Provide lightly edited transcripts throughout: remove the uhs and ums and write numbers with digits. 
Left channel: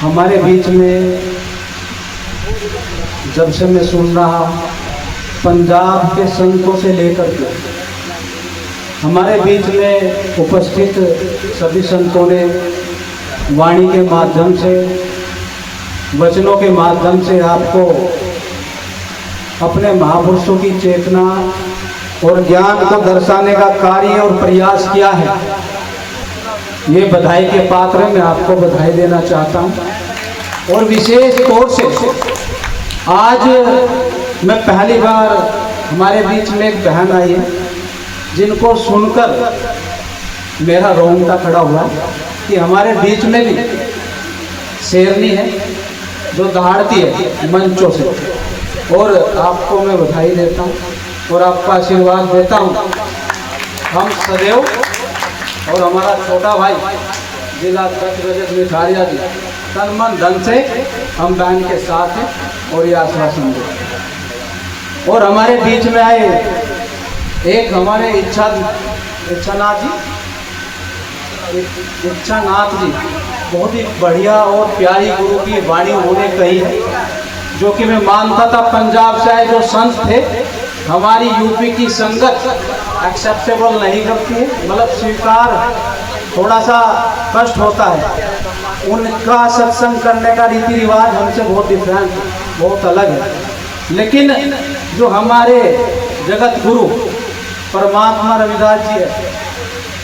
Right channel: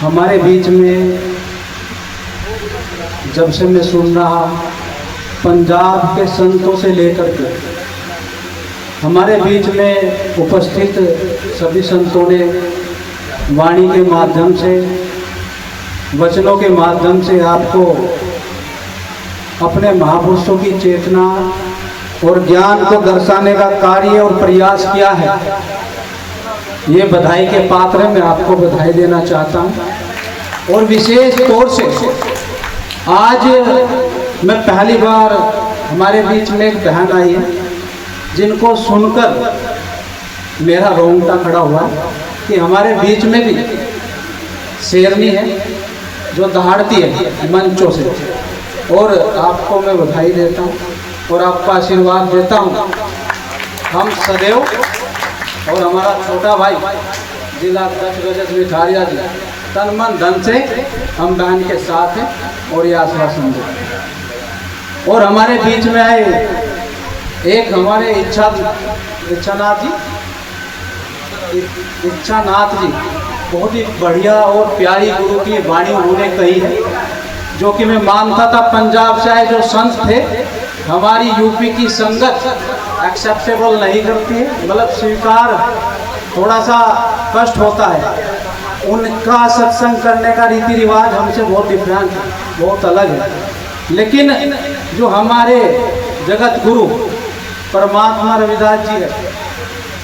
हमारे बीच में जब से मैं सुन रहा, पंजाब के संतों से लेकर के हमारे बीच में उपस्थित सभी संतों ने वाणी के माध्यम से, वचनों के माध्यम से आपको अपने महापुरुषों की चेतना और ज्ञान को दर्शाने का कार्य और प्रयास किया है। ये बधाई के पात्र है, मैं आपको बधाई देना चाहता हूँ। और विशेष तौर से आज मैं पहली बार हमारे बीच में एक बहन आई है जिनको सुनकर मेरा रोंगटा खड़ा हुआ कि हमारे बीच में भी शेरनी है जो दहाड़ती है मंचों से। और आपको मैं बधाई देता हूँ और आपका आशीर्वाद देता हूँ। हम सदैव और हमारा छोटा भाई जिला अध्यक्ष मिठारिया जी तन मन धन से हम बहन के साथ हैं और ये आश्वासन देते। और हमारे बीच में आए एक हमारे इच्छानाथ जी, बहुत ही बढ़िया और प्यारी गुरु की वाणी उन्होंने कही है, जो कि मैं मानता था पंजाब से आए जो संत थे हमारी यूपी की संगत एक्सेप्टेबल नहीं करती है, मतलब स्वीकार थोड़ा सा कष्ट होता है। उनका सत्संग करने का रीति रिवाज हमसे बहुत डिफरेंट, बहुत अलग है। लेकिन जो हमारे जगत गुरु परमात्मा रविदास जी है,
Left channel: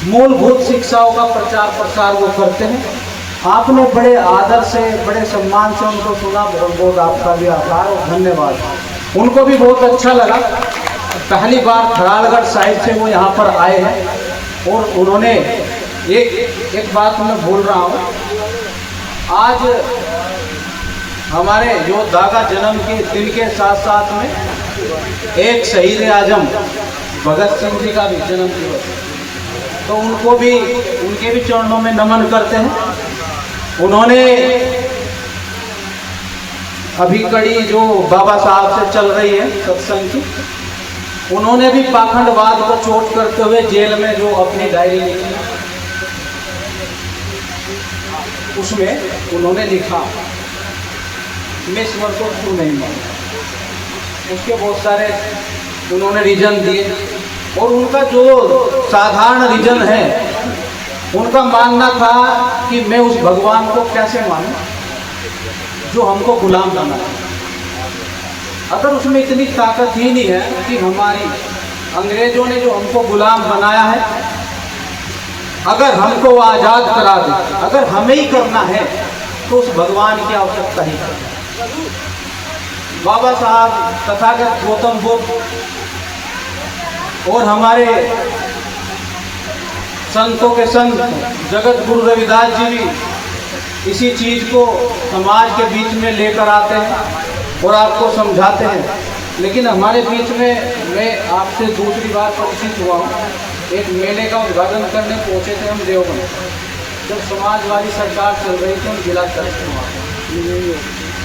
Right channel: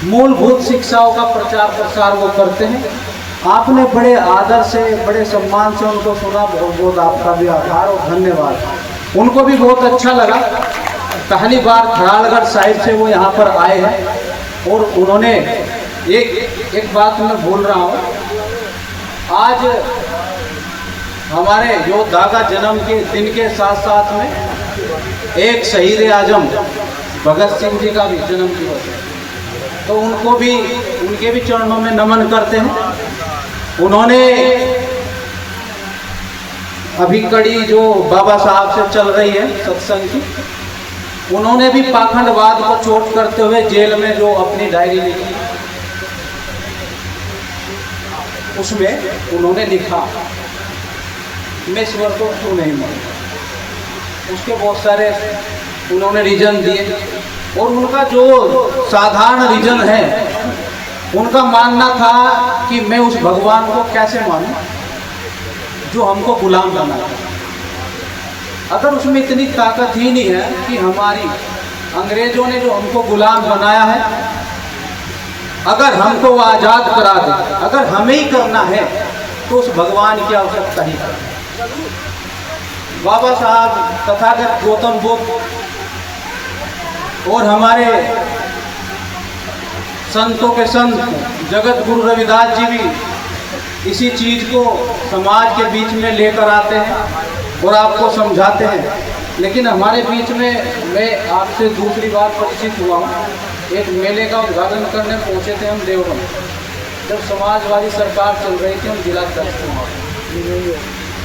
मूलभूत शिक्षाओं का प्रचार प्रसार वो करते हैं। आपने बड़े आदर से, बड़े सम्मान से उनको सुना, बहुत बहुत आपका भी आभार और धन्यवाद। उनको भी बहुत अच्छा लगा। पहली बार खराड़गढ़ साहिब से वो यहाँ पर आए हैं और उन्होंने एक बात मैं बोल रहा हूँ, आज हमारे योद्धा का जन्म के दिन के साथ साथ में एक शहीद आजम भगत सिंह जी का भी जन्म दिवस है, तो उनको भी, उनके भी चरणों में नमन करते हैं। उन्होंने अभी कड़ी जो बाबा साहब से चल रही है सत्संग की, उन्होंने भी पाखंडवाद को चोट करते हुए जेल में जो अपनी डायरी लिखी, उसमें उन्होंने लिखा मैं ईश्वर को क्यों नहीं मानता। उसके बहुत सारे उन्होंने रीजन दिए और उनका जो साधारण रीजन है, उनका मानना था कि मैं उस भगवान को कैसे मानूं जो हमको गुलाम बनाया। अगर उसमें इतनी ताकत ही नहीं है कि हमारी अंग्रेजों ने जो हमको गुलाम बनाया है, अगर हमको वो आज़ाद करा दे, अगर हमें ही करना है तो उस भगवान की आवश्यकता ही है। बाबा साहब, तथागत गौतम बुद्ध और हमारे संतों के संत जगत गुरु रविदास जी भी इसी चीज़ को समाज के बीच में लेकर आते हैं और आपको समझाते हैं। लेकिन हमारे बीच में मैं आपसे दूसरी बात परिचित हुआ हूँ। एक मेले का उद्घाटन करने पहुँचे थे हम देवबंद, जब समाजवादी सरकार चल रही थी, हम जिला अध्यक्ष थे वहाँ पर।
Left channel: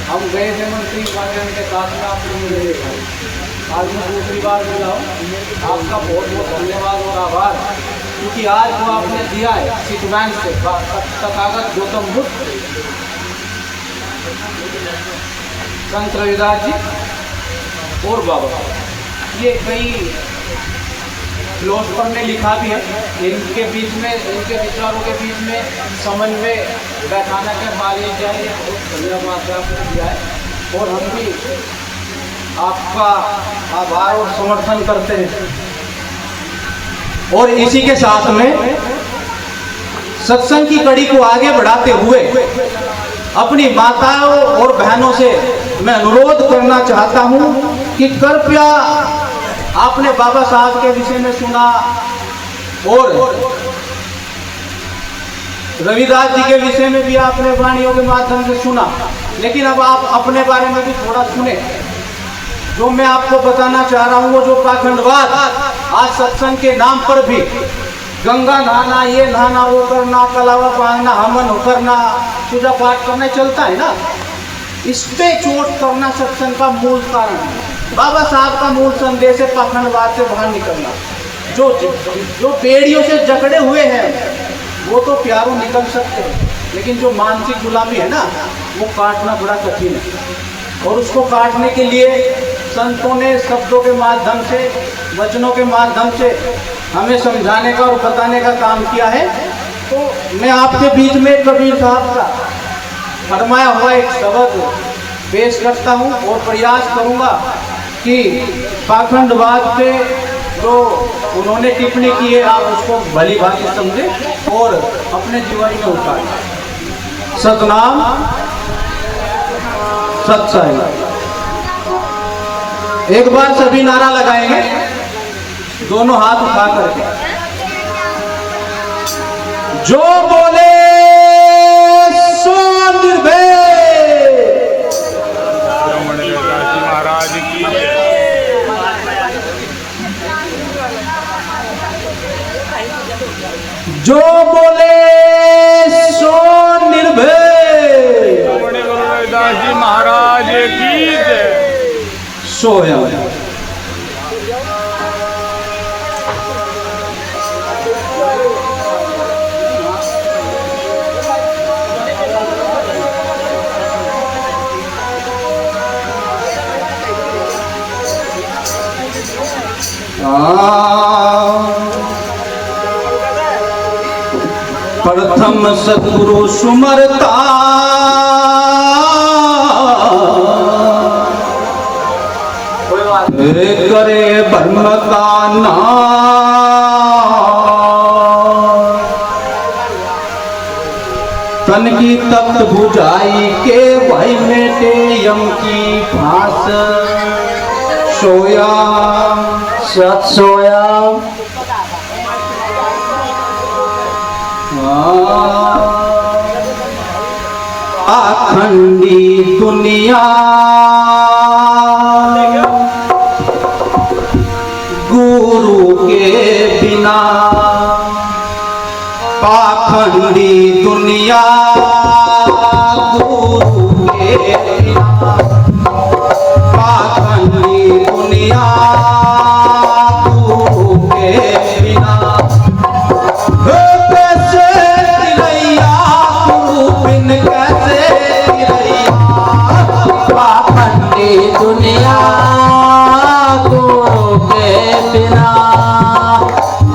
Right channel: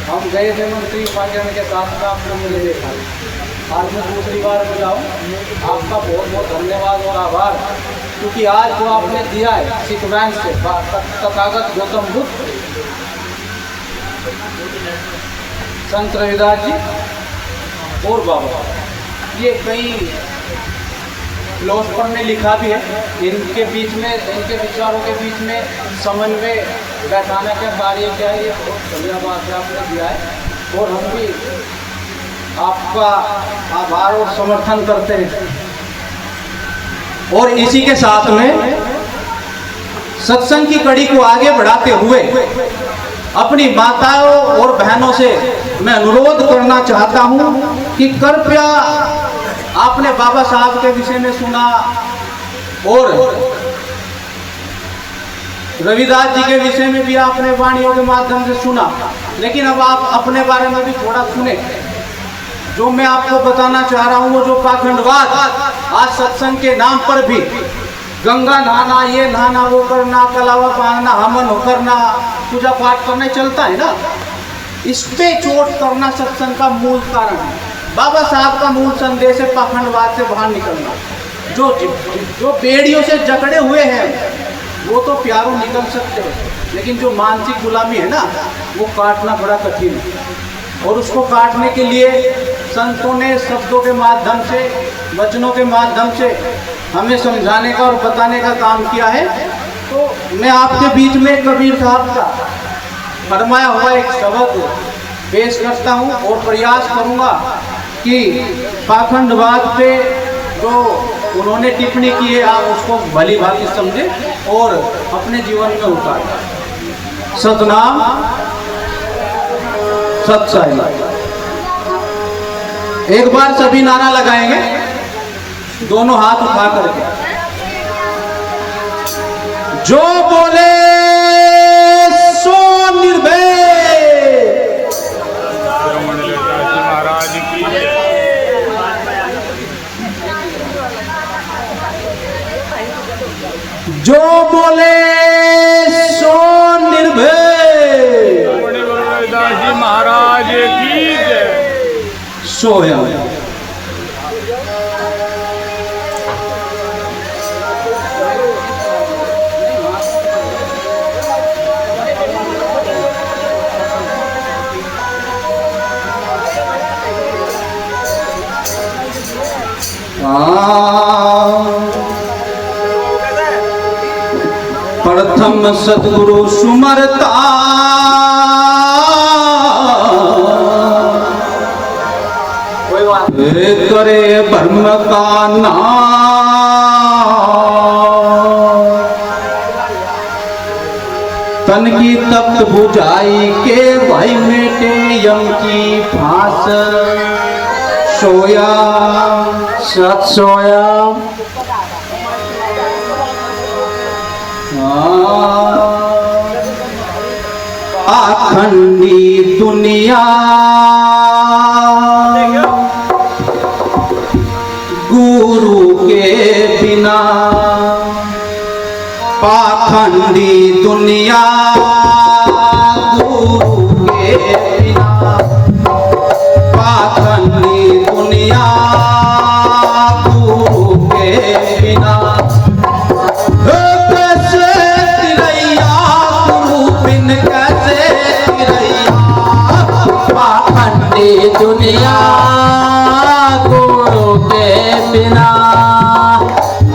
हम गए थे मंत्री पांड्या के साथ में, आपको मिले देखा। आज मैं दूसरी बार बोला हूँ, आपका बहुत बहुत धन्यवाद और आभार, क्योंकि आज जो आपने दिया है सिखवैन से तथागत गौतम बुद्ध, संत रविदास जी और बाबा, ये कई फिलोसफर ने लिखा भी है। इनके बीच में, इनके विचारों के बीच में समन्वय बैठाने के बारे में चाहिए, बहुत बढ़िया बात है आपने दिया है और हम भी आपका आभार और समर्थन करते हैं। और इसी के साथ में सत्संग की कड़ी को आगे बढ़ाते हुए अपनी माताओं और बहनों से मैं अनुरोध करना चाहता हूं कि कृपया, आपने बाबा साहब के विषय में सुना और रविदास जी के विषय में भी आपने वाणियों के माध्यम से सुना, लेकिन अब आप अपने बारे में भी थोड़ा सुने। जो मैं आपको बताना चाह रहा हूँ, वो जो पाखंडवाद आज सत्संग के नाम पर भी गंगा नहाना, ये नहाना, वो करना, कलावा बांधना, हवन करना, पूजा पाठ करना चलता है ना, इस पे चोट करना सत्संग का मूल कारण है। बाबा साहब का मूल संदेश है पाखंडवाद से बाहर निकलना। जो बेड़ियों से जकड़े हुए हैं वो तो प्यारों निकल सकते हैं, लेकिन जो मानसिक गुलामी है ना, वो काटना बड़ा कठिन है। और उसको काटने के लिए संतों ने शब्दों के माध्यम से, वचनों के माध्यम से हमें समझाने का और बताने का काम किया है। तो मैं आपके बीच में कबीर साहब का फरमाया हुआ एक शब्द पेश करता हूँ और प्रयास करूँगा कि पाखंडवाद पे जो उन्होंने टिप्पणी की है आप उसको भली भांति समझें और अपने जीवन में उतारें। सतनाम सच्चाई। एक बार सभी नारा लगाएंगे, दोनों हाथ उठा करके। जो बोले सो निर्भय। महाराज की जय। जो बोले सो निर्भय। गुरु रविदास जी महाराज की जय। सोया प्रथम सतगुरु सुमरता करे ब्रह्म का नाम। तन की तप्त बुझाई के भाई मेटे यम की फांस। सोया सत सोया अखंडी दुनिया गुरु के बिना। पाखंडी दुनिया गुरु के बिना। पाखंडी दुनिया गुरु के बिना। कैसे तिरैया गुरु बिन कैसे तिरैया। पाखंडी दुनिया गुरु के बिना।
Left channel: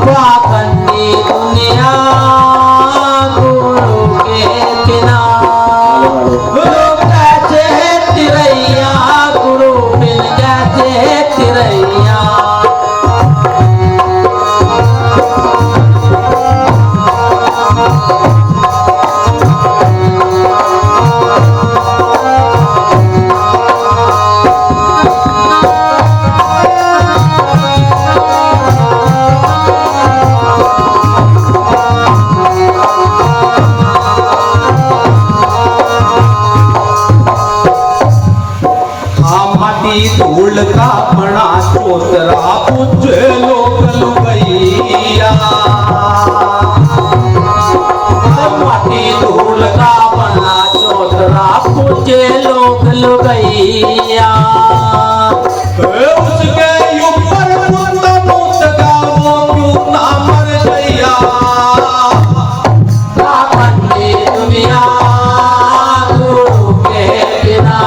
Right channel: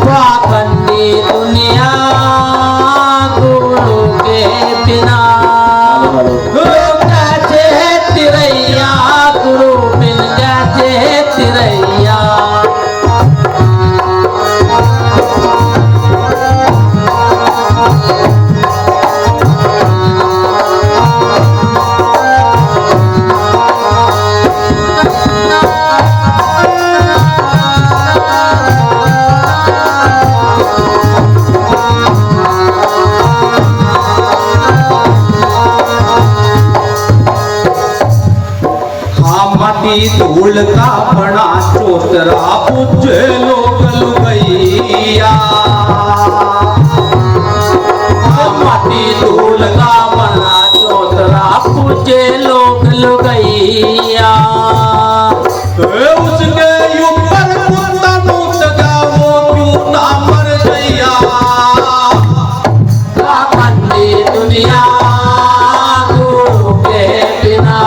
पाखंडी दुनिया गुरु के बिना। कैसे तिरैया गुरु बिन कैसे तिरैया। धूल का बना चोतरा पूजे लोग लुगैया। माटी धूल का बना चोतरा पूजे लोग लुगैया। उसके ऊपर कुत्ता मुक्त वो क्यों ना मर गया। पाखंडी दुनिया गुरु के बिना।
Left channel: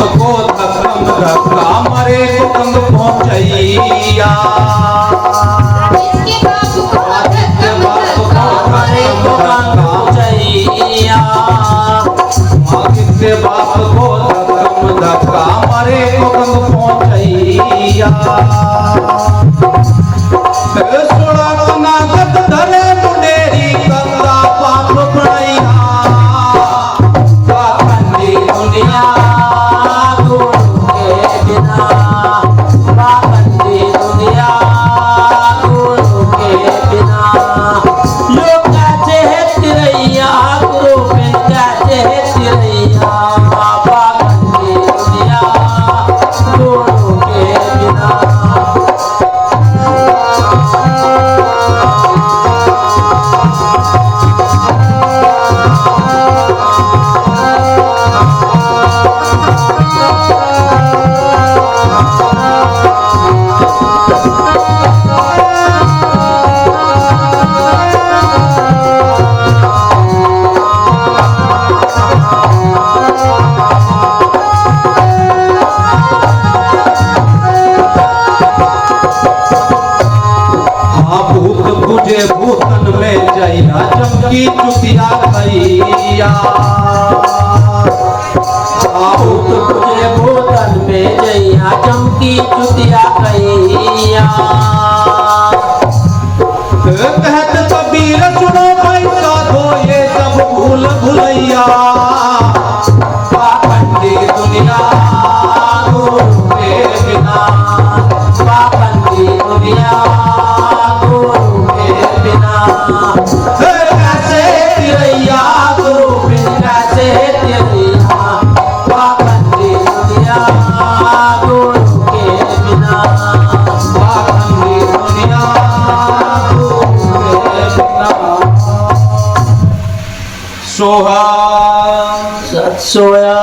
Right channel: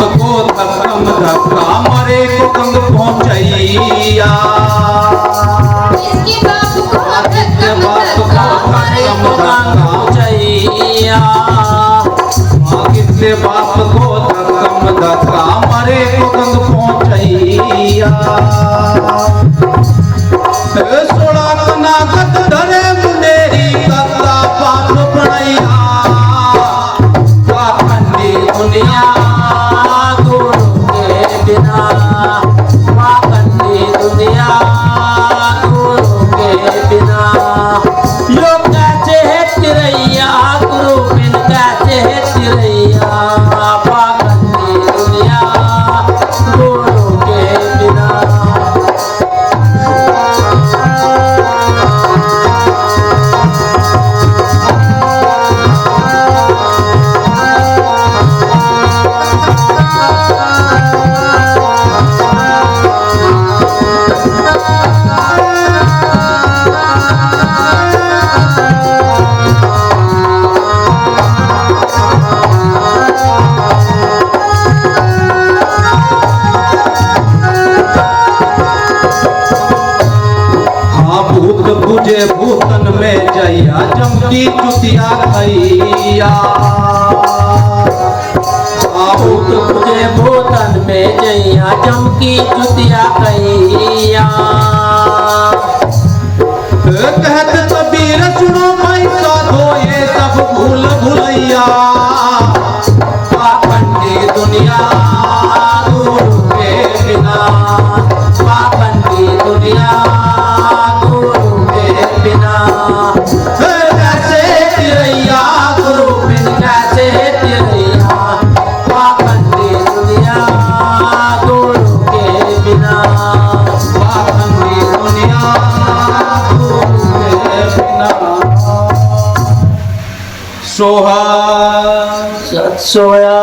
को धक्कम धक्का मरे को कंग पहुंचैया। इसके बाप को मरे को कंग पहुंचैया। इसके बाप को धक्कम धक्का मरे को कंग पहुंचैया। सोड़ा गद धरे मुंडेरी करता पाप बनाइया पाखंडी दुनिया गुरु के बिना पाखंडी दुनिया गुरु के बिना यो कैसे है तिरैया गुरु बिन कैसे है तिरैया पाखंडी दुनिया गुरु के बिना बुझे भूतन में जइया चमकी चुतिया भैया भूत बुझे भूतन में जइया चमकी चुतिया भैया कहत कबीर सुनो भाई साधो ये सब भूल भुलैया पाखंडी दुनिया गुरु के बिना पाखंडी दुनिया कैसे तिरैया गुरु बिन कैसे तिरैया पाखंडी दुनिया गुरु के बिना पाखंडी दुनिया गुरु के बिना सोहा सत सोया